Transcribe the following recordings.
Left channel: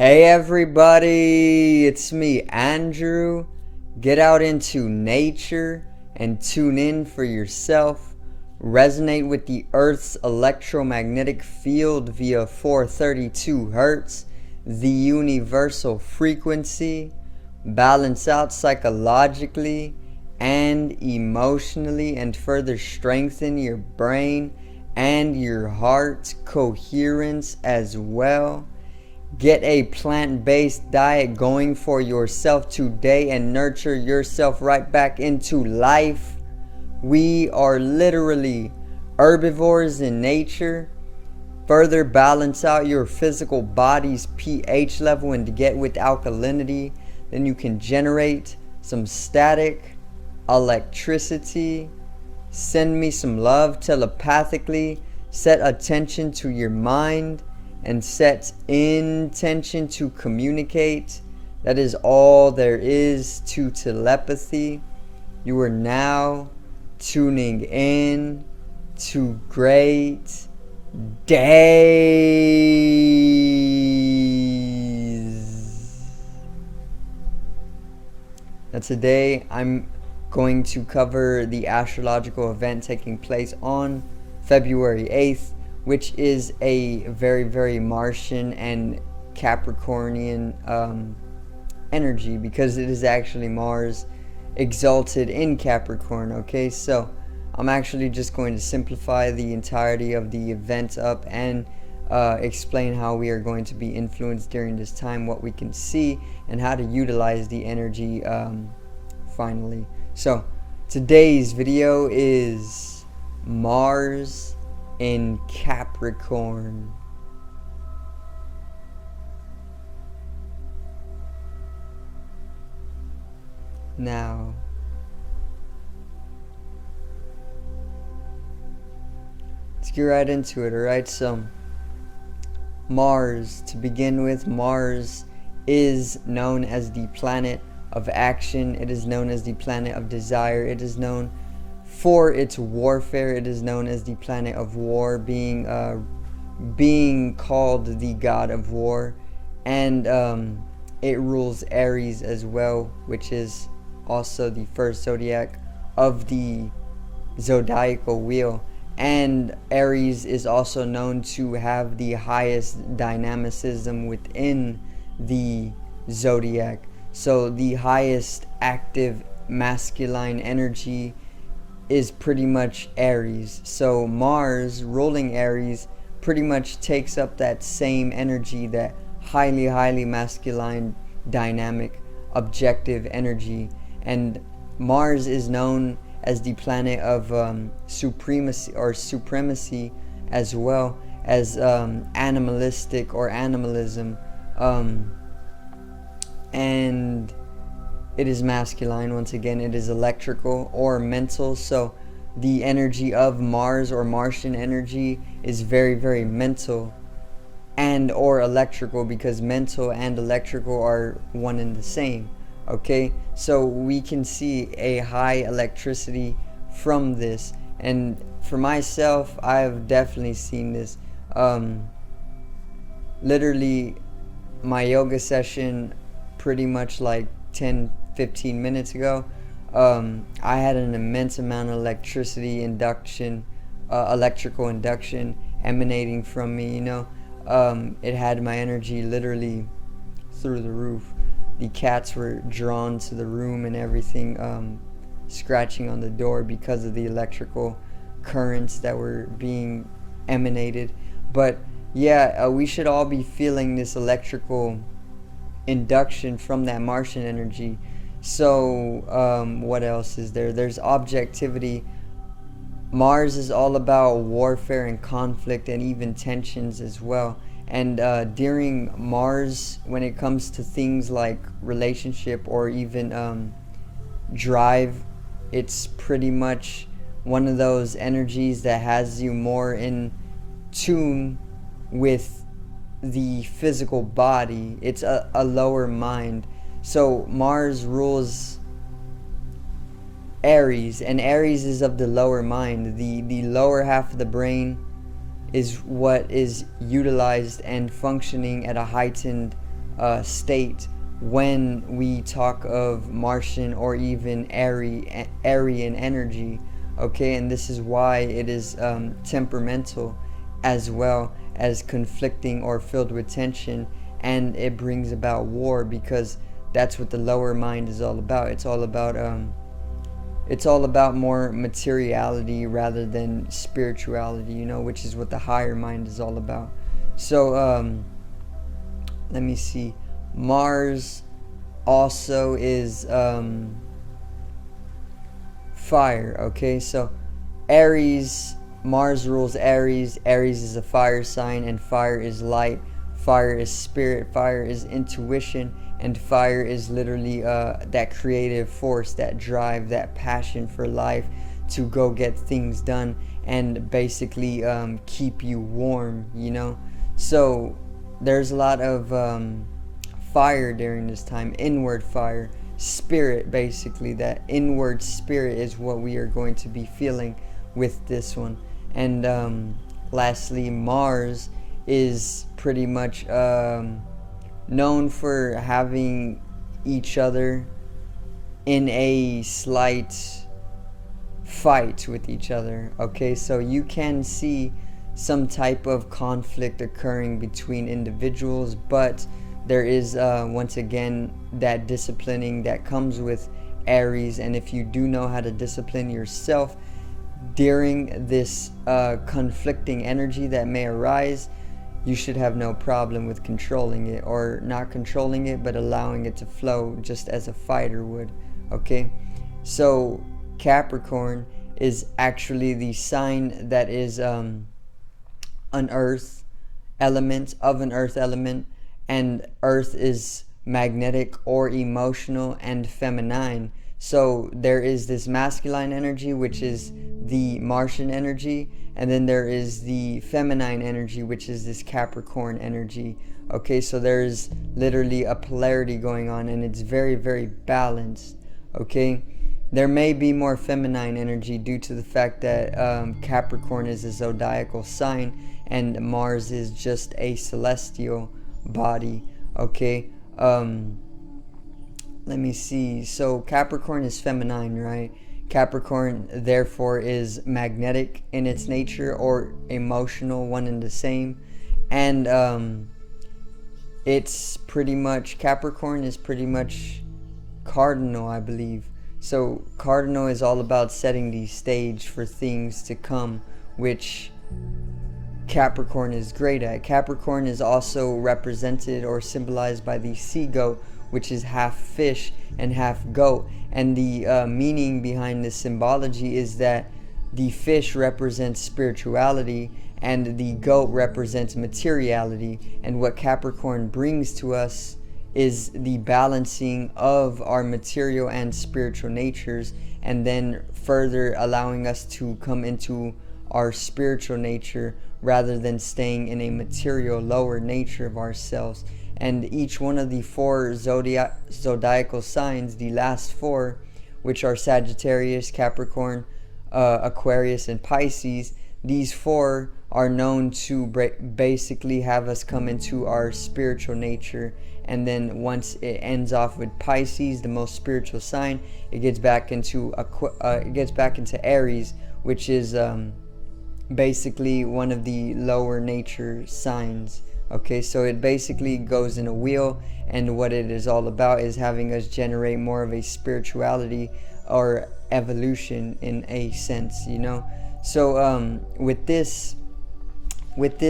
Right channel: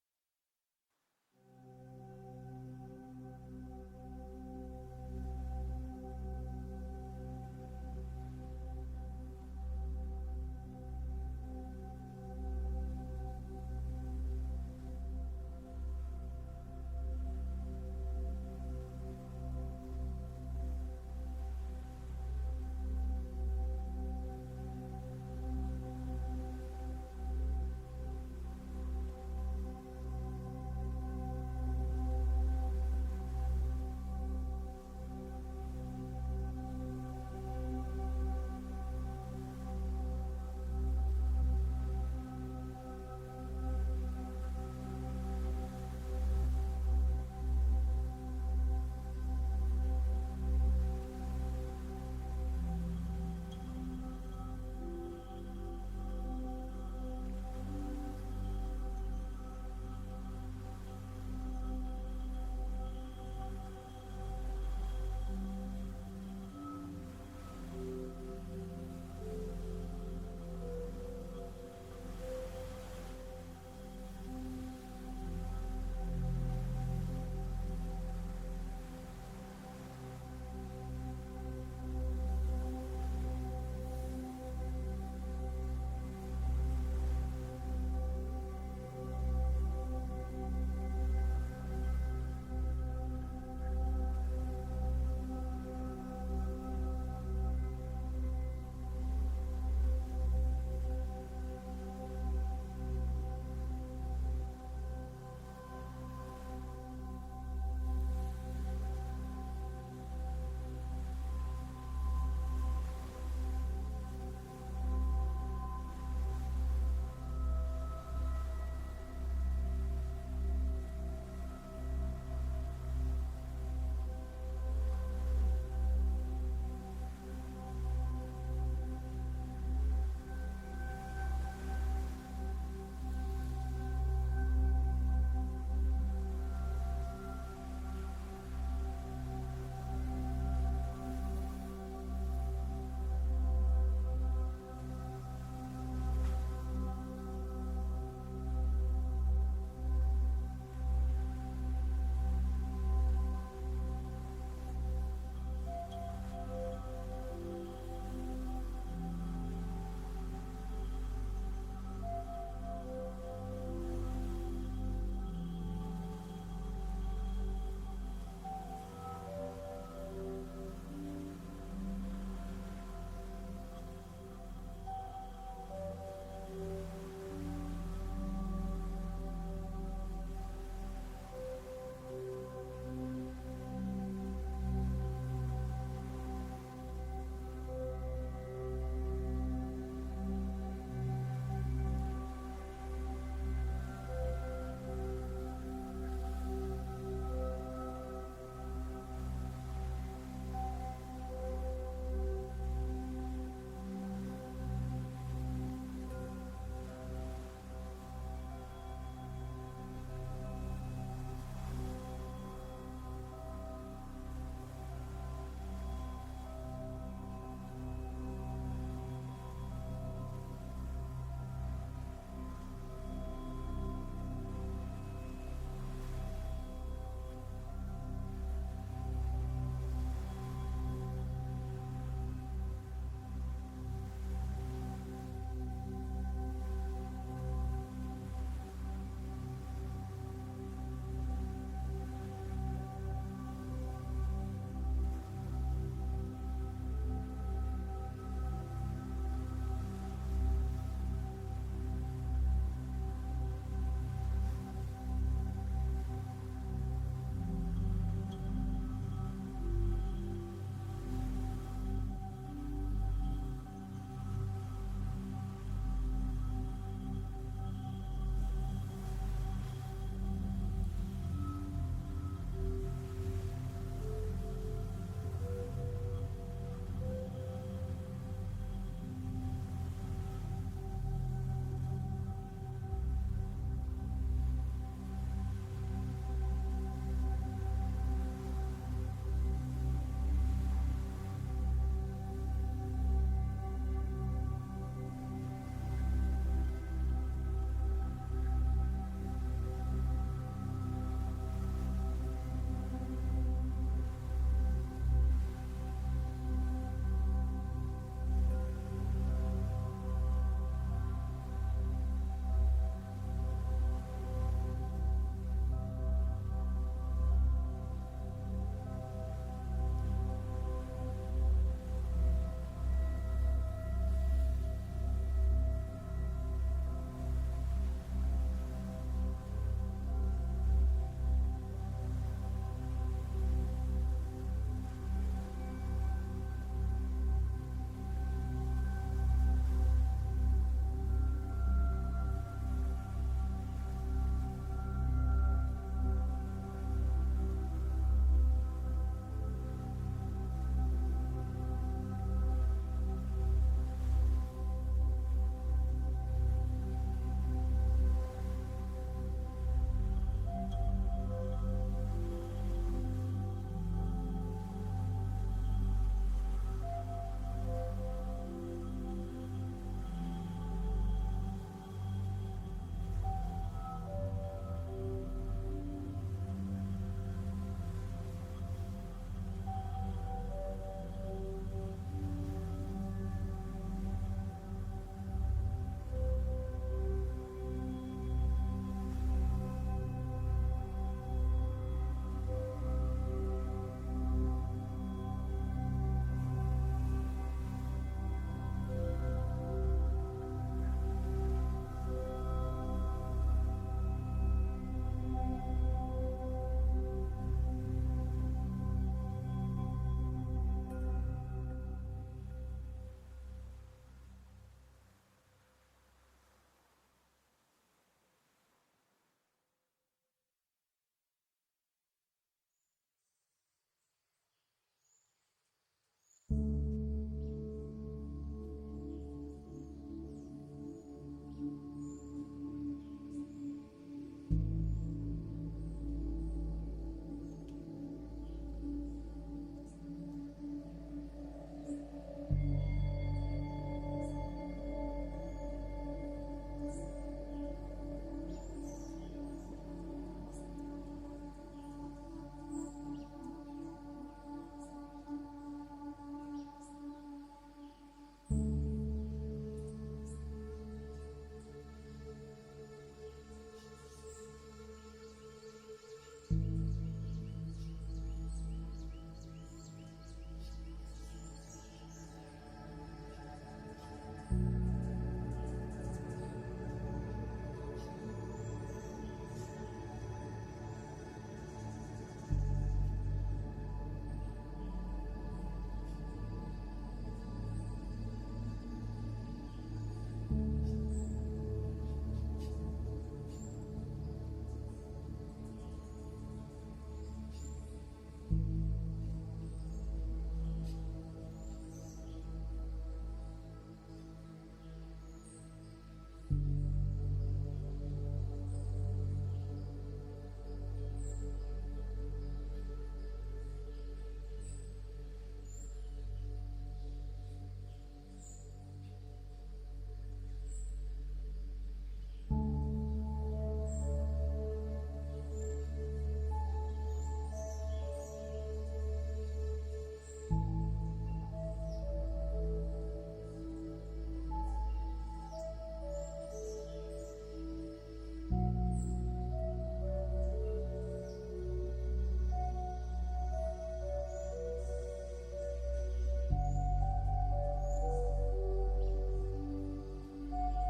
Hey everybody, it's me, Andrew. Get out into nature and tune in for yourself. Resonate with the Earth's electromagnetic field via 432 Hertz, the universal frequency. Balance out psychologically and emotionally, and further strengthen your brain and your heart's coherence as well. Get a plant-based diet going for yourself today and nurture yourself right back into life. We are literally herbivores in nature. Further balance out your physical body's pH level and to get with alkalinity. Then you can generate some static electricity. Send me some love telepathically. Set attention to your mind and set intention to communicate. That is all there is to telepathy. You are now tuning in to great days. Now today I'm going to cover the astrological event taking place on February 8th, which is a very, very Martian and Capricornian energy, because it is actually Mars exalted in Capricorn. Okay, so I'm actually just going to simplify the entirety of the event up and explain how we are going to be influenced during this time, what we can see, and how to utilize the energy finally. So today's video is Mars in Capricorn. Now, let's get right into it, alright? So, Mars, to begin with, Mars is known as the planet of action. It is known as the planet of desire. It is known for its warfare. It is known as the planet of war, being called the god of war, and it rules Aries as well, which is also the first zodiac of the zodiacal wheel. And Aries is also known to have the highest dynamicism within the zodiac. So the highest active masculine energy is pretty much Aries. So Mars ruling Aries pretty much takes up that same energy, that highly masculine, dynamic, objective energy. And Mars is known as the planet of supremacy as well as animalistic or animalism, and it is masculine. Once again, it is electrical or mental. So the energy of Mars or Martian energy is very mental and or electrical, because mental and electrical are one and the same. Okay, so we can see a high electricity from this, and for myself, I've definitely seen this. Literally, my yoga session pretty much like 10-15 minutes ago, I had an immense amount of electricity induction, electrical induction emanating from me, you know. It had my energy literally through the roof. The cats were drawn to the room and everything, scratching on the door because of the electrical currents that were being emanated. But yeah, we should all be feeling this electrical induction from that Martian energy. So what else is there? There's objectivity. Mars is all about warfare and conflict and even tensions as well. And during Mars, when it comes to things like relationship or even drive, it's pretty much one of those energies that has you more in tune with the physical body. It's a lower mind. So Mars rules Aries, and Aries is of the lower mind. The lower half of the brain is what is utilized and functioning at a heightened state when we talk of Martian or even Aryan energy. Okay, and this is why it is temperamental as well as conflicting or filled with tension, and it brings about war, because that's what the lower mind is all about. It's all about more materiality rather than spirituality, which is what the higher mind is all about. So let me see. Mars also is fire. Okay, so Aries, Mars rules Aries. Aries is a fire sign, and fire is light. Fire is spirit. Fire is intuition. And fire is literally that creative force, that drive, that passion for life to go get things done and basically keep you warm, So there's a lot of fire during this time, inward fire, spirit, basically. That inward spirit is what we are going to be feeling with this one. And lastly, Mars is pretty much known for having each other in a slight fight with each other. Okay, so you can see some type of conflict occurring between individuals, but there is once again that disciplining that comes with Aries. And if you do know how to discipline yourself during this conflicting energy that may arise, you should have no problem with controlling it, or not controlling it, but allowing it to flow just as a fighter would. Okay, so Capricorn is actually the sign that is an earth element, and earth is magnetic or emotional and feminine. So there is this masculine energy, which is the Martian energy, and then there is the feminine energy, which is this Capricorn energy. Okay, so there's literally a polarity going on, and it's very, very balanced. Okay, there may be more feminine energy due to the fact that Capricorn is a zodiacal sign and Mars is just a celestial body. Okay, let me see. So Capricorn is feminine, right? Capricorn therefore is magnetic in its nature, or emotional, one and the same. And it's pretty much, Capricorn is pretty much cardinal, I believe. So cardinal is all about setting the stage for things to come, which Capricorn is great at. Capricorn is also represented or symbolized by the sea goat, which is half fish and half goat. And the meaning behind this symbology is that the fish represents spirituality and the goat represents materiality. And what Capricorn brings to us is the balancing of our material and spiritual natures, and then further allowing us to come into our spiritual nature rather than staying in a material lower nature of ourselves. And each one of the four zodiacal signs, the last four, which are Sagittarius, Capricorn, Aquarius, and Pisces, these four are known to basically have us come into our spiritual nature. And then once it ends off with Pisces, the most spiritual sign, it gets back into Aries, which is basically one of the lower nature signs. Okay, so it basically goes in a wheel, and what it is all about is having us generate more of a spirituality or evolution in a sense, So with this let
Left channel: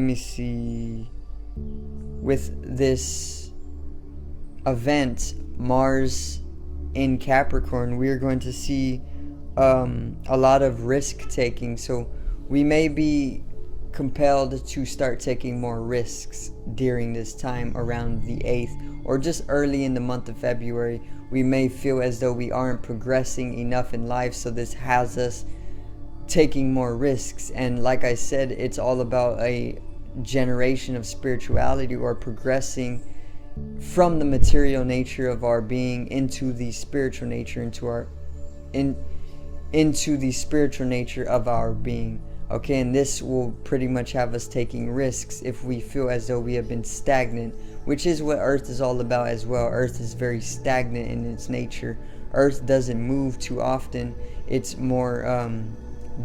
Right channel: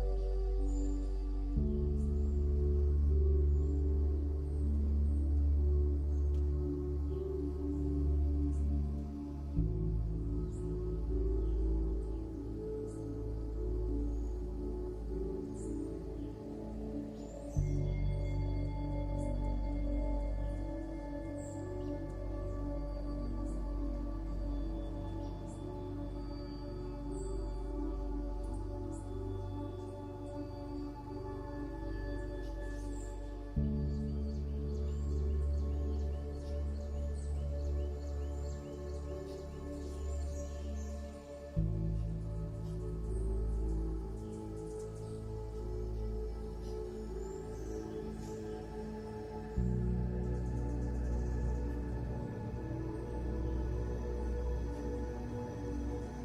me see, with this event, Mars in Capricorn, we're going to see a lot of risk taking. So we may be compelled to start taking more risks during this time around the 8th, or just early in the month of February. We may feel as though we aren't progressing enough in life, so this has us taking more risks. And like I said, it's all about a generation of spirituality, or progressing from the material nature of our being into the spiritual nature, into the spiritual nature of our being. Okay, and this will pretty much have us taking risks if we feel as though we have been stagnant, which is what Earth is all about as well. Earth is very stagnant in its nature. Earth doesn't move too often. It's more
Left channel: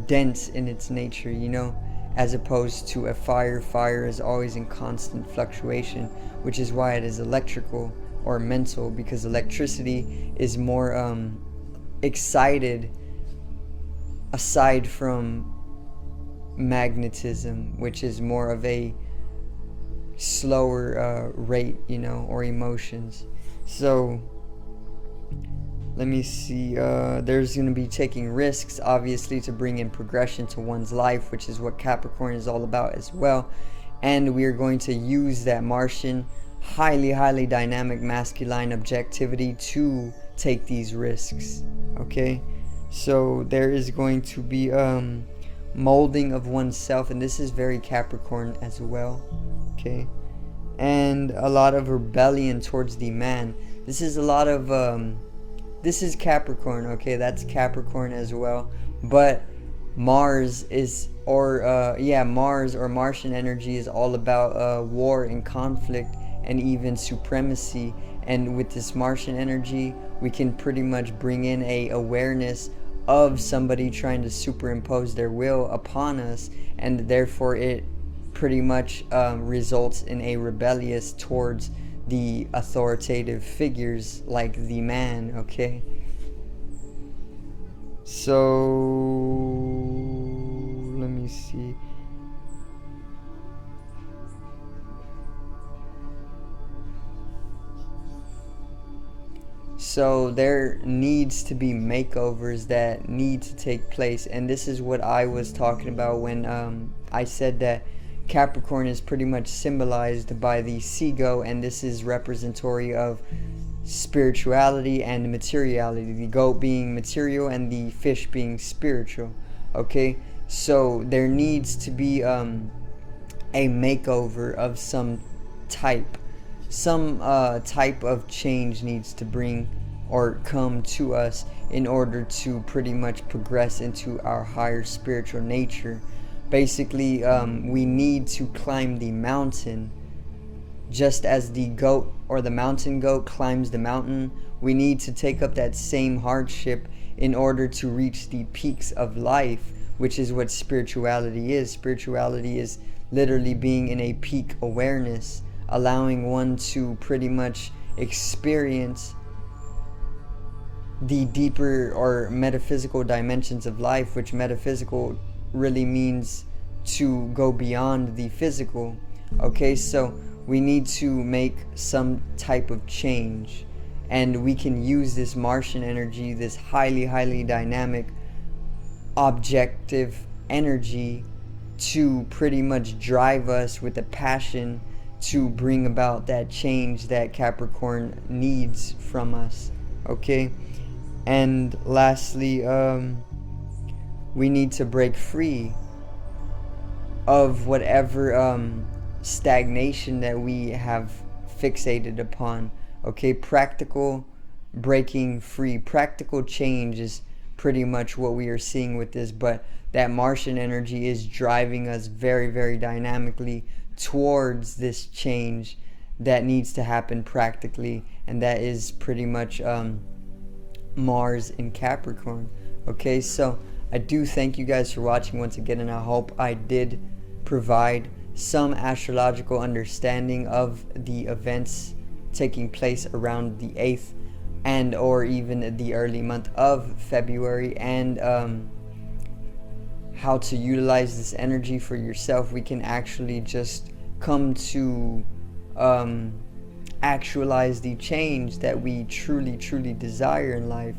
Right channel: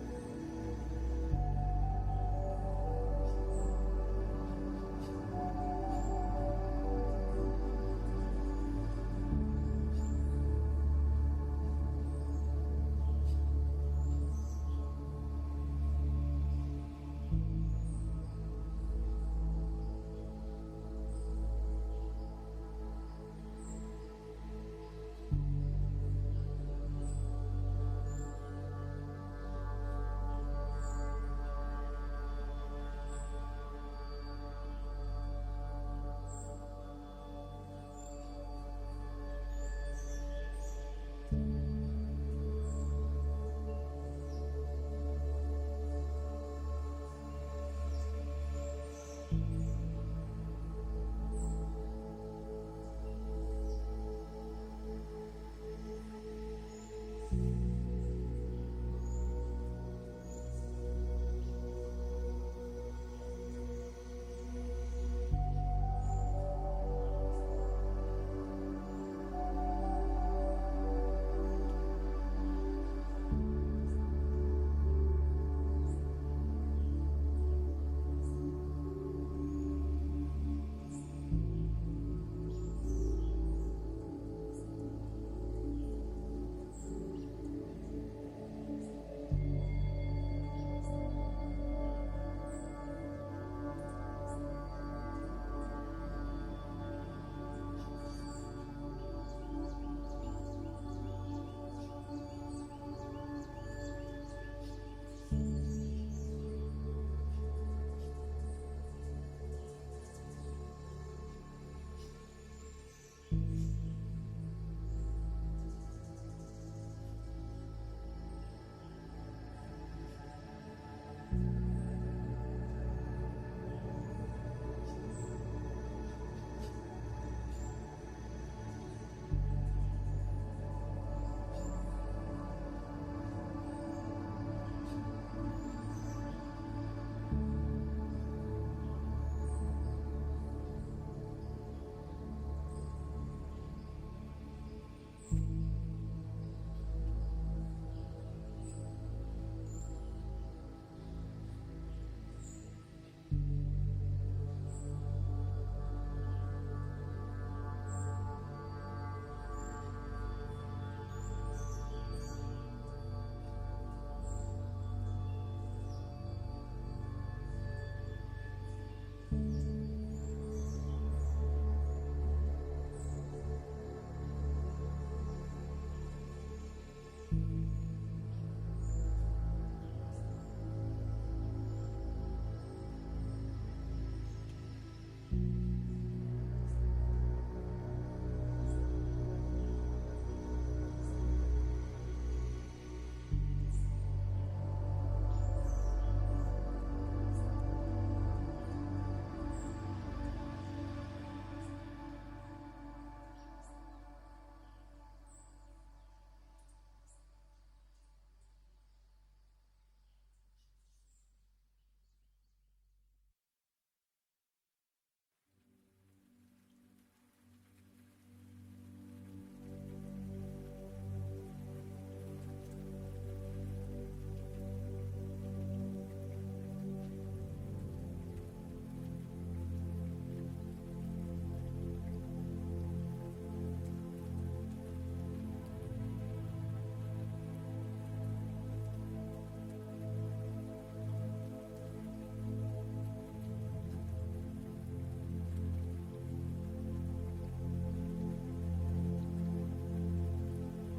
dense in its nature, as opposed to a fire. Fire is always in constant fluctuation, which is why it is electrical or mental, because electricity is more excited aside from magnetism, which is more of a slower rate, or emotions. So let me see, there's going to be taking risks, obviously, to bring in progression to one's life, which is what Capricorn is all about as well. And we are going to use that Martian highly dynamic masculine objectivity to take these risks. Okay, so there is going to be molding of oneself, and this is very Capricorn as well. Okay, and a lot of rebellion towards the man. This is a lot of this is Capricorn. Okay, that's Capricorn as well. But Mars is, Mars or Martian energy is all about war and conflict and even supremacy. And with this Martian energy, we can pretty much bring in a awareness of somebody trying to superimpose their will upon us, and therefore it pretty much results in a rebellious towards the authoritative figures like the man. Okay, so let me see. So there needs to be makeovers that need to take place, and this is what I was talking about when I said that Capricorn is pretty much symbolized by the seagull, and this is representatory of spirituality and materiality, the goat being material and the fish being spiritual. Okay, so there needs to be a makeover of some type. Some type of change needs to bring or come to us in order to pretty much progress into our higher spiritual nature. Basically, we need to climb the mountain. Just as the goat or the mountain goat climbs the mountain, we need to take up that same hardship in order to reach the peaks of life, which is what spirituality is. Spirituality is literally being in a peak awareness, allowing one to pretty much experience the deeper or metaphysical dimensions of life, which metaphysical really means to go beyond the physical. Okay, so we need to make some type of change, and we can use this Martian energy, this highly dynamic objective energy, to pretty much drive us with a passion to bring about that change that Capricorn needs from us. Okay, and lastly, we need to break free of whatever stagnation that we have fixated upon. Okay, practical breaking free, practical change is pretty much what we are seeing with this, but that Martian energy is driving us very dynamically towards this change that needs to happen practically, and that is pretty much Mars in Capricorn. Okay, so I do thank you guys for watching once again, and I hope I did provide some astrological understanding of the events taking place around the 8th and or even the early month of February, and how to utilize this energy for yourself. We can actually just come to actualize the change that we truly desire in life.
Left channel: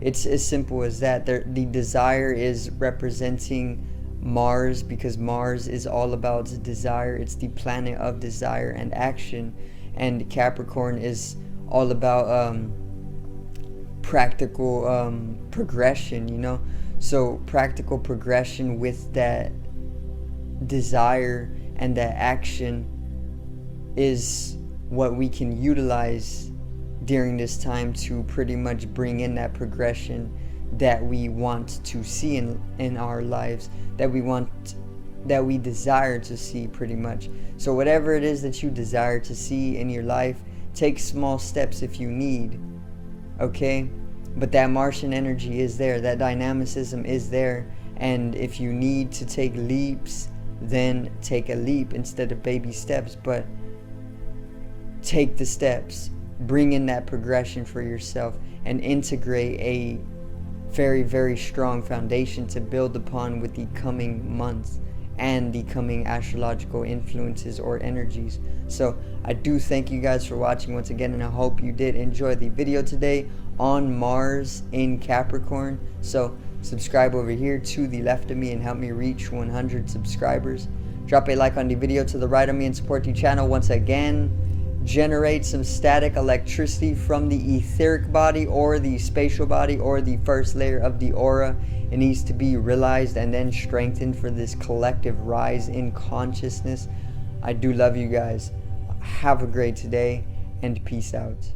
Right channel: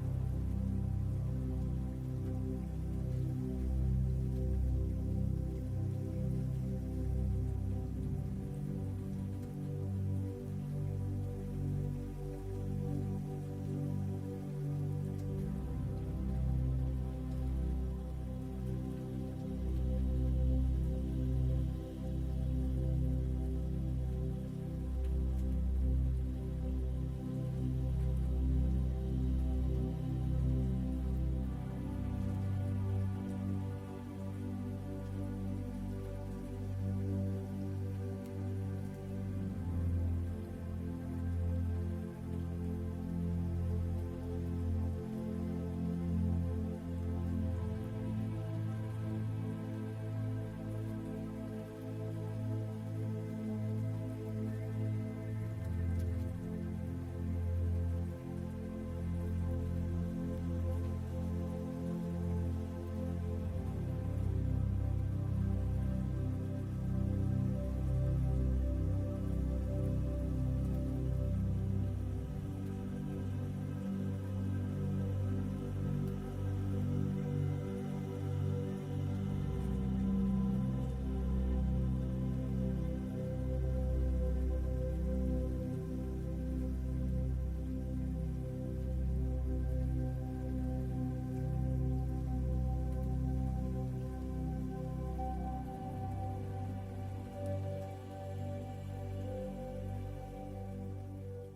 It's as simple as that. The desire is representing Mars, because Mars is all about desire. It's the planet of desire and action, and Capricorn is all about practical progression. So practical progression with that desire and that action is what we can utilize during this time to pretty much bring in that progression that we want to see in our lives, that we desire to see, pretty much. So whatever it is that you desire to see in your life, take small steps if you need, okay? But that Martian energy is there, that dynamicism is there, and if you need to take leaps, then take a leap instead of baby steps, but take the steps, bring in that progression for yourself, and integrate a very, very strong foundation to build upon with the coming months and the coming astrological influences or energies. So I do thank you guys for watching once again, and I hope you did enjoy the video today on Mars in Capricorn. So subscribe over here to the left of me and help me reach 100 subscribers. Drop a like on the video to the right of me and support the channel once again. Generate some static electricity from the etheric body or the spatial body or the first layer of the aura. It needs to be realized and then strengthened for this collective rise in consciousness. I do love you guys. Have a great day and peace out.